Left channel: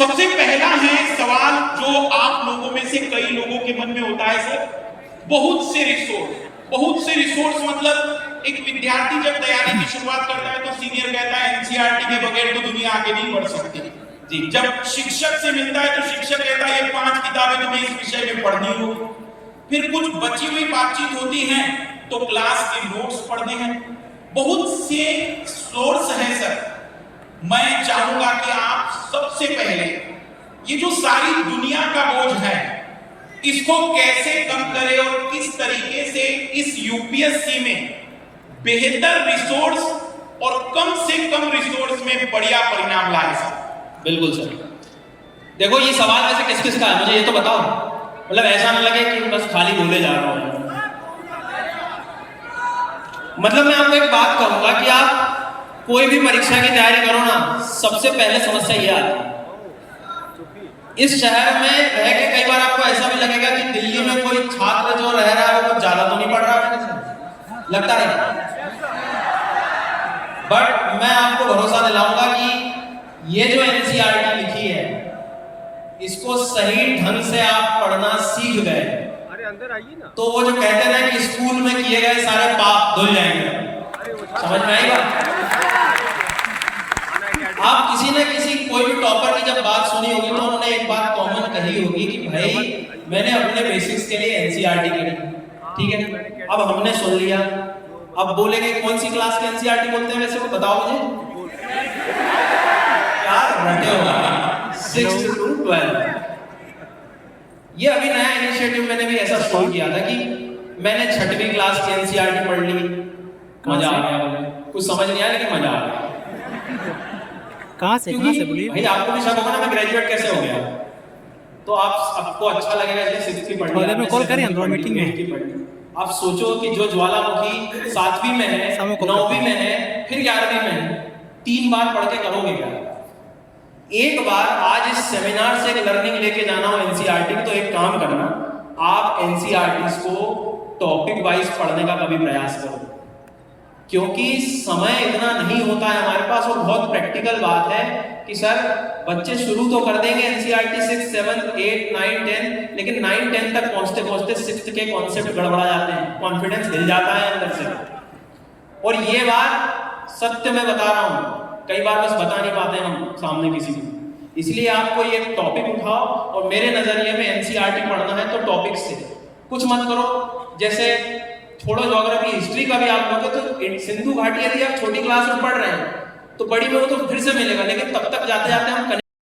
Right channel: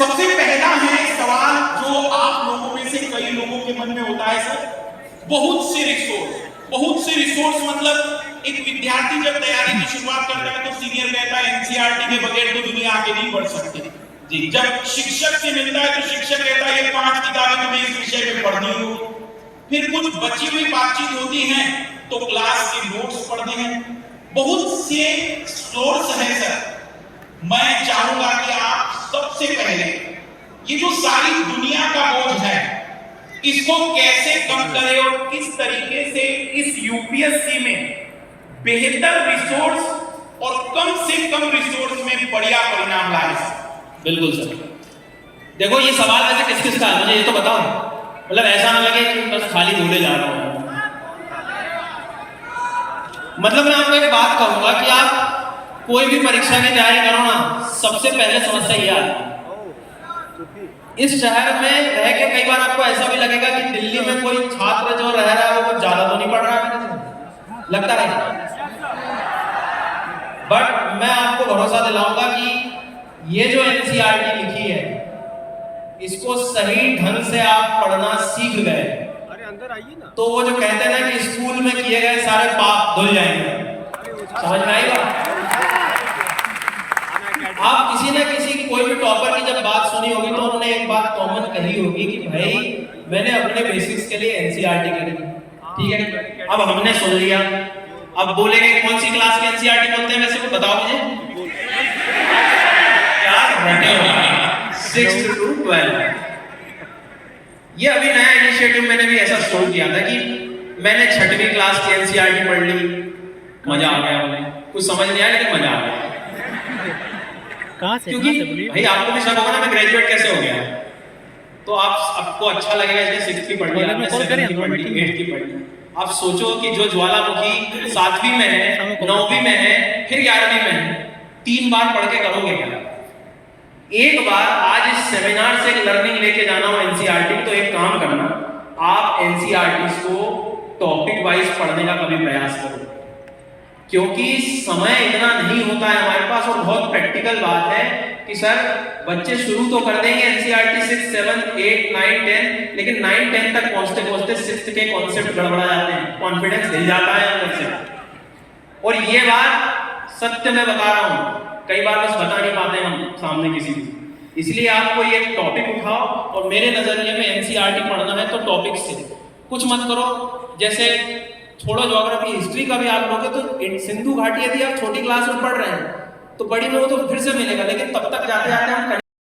सबसे पहला है सवाल जो आप लोगों में से कई लोगों के मन में होता है सर, बहुत से रिसोर्स मतलब एक विद्यार्थी जब तैयारी की शुरुआत करता है तो सीनियर कहता है एनसीईआरटी के बगैर तो दुनिया आगे नहीं बढ़ सकती जी। जब शिक्षक से मिलता है तो शिक्षक कहता है ये 5 किताबें तुम्हें इस विषय में पढ़नी हो। फिर कुछ बची हुई बातचीत होती है तो क्लास के नोट्स पढ़ने हैं। बहुत से सोर्स है सर। मैं चाहूंगा कि आप सबसे पहले ये जो सारी दुनिया का बोझ है इसको कैसे कम करें और किस तरीके से इस यूपीएससी में बेहतर रिसोर्स और कम से कम रिसोर्स में बढ़िया परिणाम लाए सर। बिल्कुल सर। देखो ये सवाल वैसे किस किस का है मुझे ये तो बताओ, मतलब ऐसा ना लगे कि बस खाली बोले जा रहा हूं। मतलब मैं आपको एक बात कहूंगा कि आप कोई भी परीक्षा की तैयारी करो ना, सबसे पहले समस्या ये आती है। इस शहर में रह के कई बार आपको ऐसा भी लगेगा कि दिल्ली में कोई छात्र जो रह रहा है वो कुछ ज्यादा तो नहीं पढ़ रहा है, लगता नहीं। बट मैं आपको भरोसा दिलाऊंगा कि ये जो एनसीईआरटी लिखी है इसको सही ढंग से आप पढ़ना सीख गए तो वो जो कहते हैं ना कि स्कूल में किए गए सारे पाप धुल जाएंगे, समझ में आएगा। आप किसी न किसी कोई भी टॉपर की जब बात सुनी होगी तो उन्होंने एक बात कॉमन कही होगी कि भाई मैंने अपने बेसिक्स के लिए एनसीईआरटी करी, ठीक है। अब हमने सुन लिया, अब बोलेंगे कौन सी क्लास की एनसीईआरटी बोलते हैं वैसे को बताओ मुझे, यार बैठे हो 6 to 12। ये अभी नया इनिशिएटिव मैंने भी ऐसा शुरू किया था कि मैंने 6वीं क्लास की एनसीईआरटी पढ़ ली, मजा आ गया, बोले कुछ समझ नहीं आया लेकिन मजा आ गया। कहां से क्योंकि भाई आपको भी शक होगा ना मैं ग्रेजुएट कैसे हो गया, तो आपको अच्छा लगेगा इसलिए 6th की पढ़ ली, 7th की पढ़ ली, 8th की पढ़ ली। आप सोचो कि जो ज्वालामुखी 7वीं में है, 9वीं में है, फिर 11वीं में है, 3 बार पढ़ के करोगे क्या? एक बार आज इस सेमिनार से एक लर्निंग लेके जाना हो एनसीईआरटी, तो एक काम करना, आप एनसीईआरटी को टॉपिक वाइज पढ़ने का कभी प्रयास करो, क्योंकि समय इतना नहीं होता है हमारे पास। और बहुत प्रैक्टिकल बात है कि सर बच्चे शुरू तो कर देंगे एनसीईआरटी 6, 7, 8, 9, 10, लेकिन 9, 10 तक पहुंचते पहुंचते 6th के कॉन्सेप्ट गड़बड़ा जाते हैं, कॉन्फिडेंस हिल जाता है अंदर से। और ये बात सत्य में बता रहा हूं, कई बार बस बता नहीं पाते हम सामने किसी को। इसलिए आपको ये टॉपिक उठाओ और मेरे नजरिए में एनसीईआरटी पढ़ना है तो टॉपिक से कुछ मत करो। जैसे छोड़ो ज्योग्राफी, हिस्ट्री का भी आप लोगे तो सिंधु घाटी यदि आप छोटी क्लास में पढ़ रहे हैं तो बड़ी में वो तो फिर से मिलेगा, लेकिन तब तक जाते जाते हम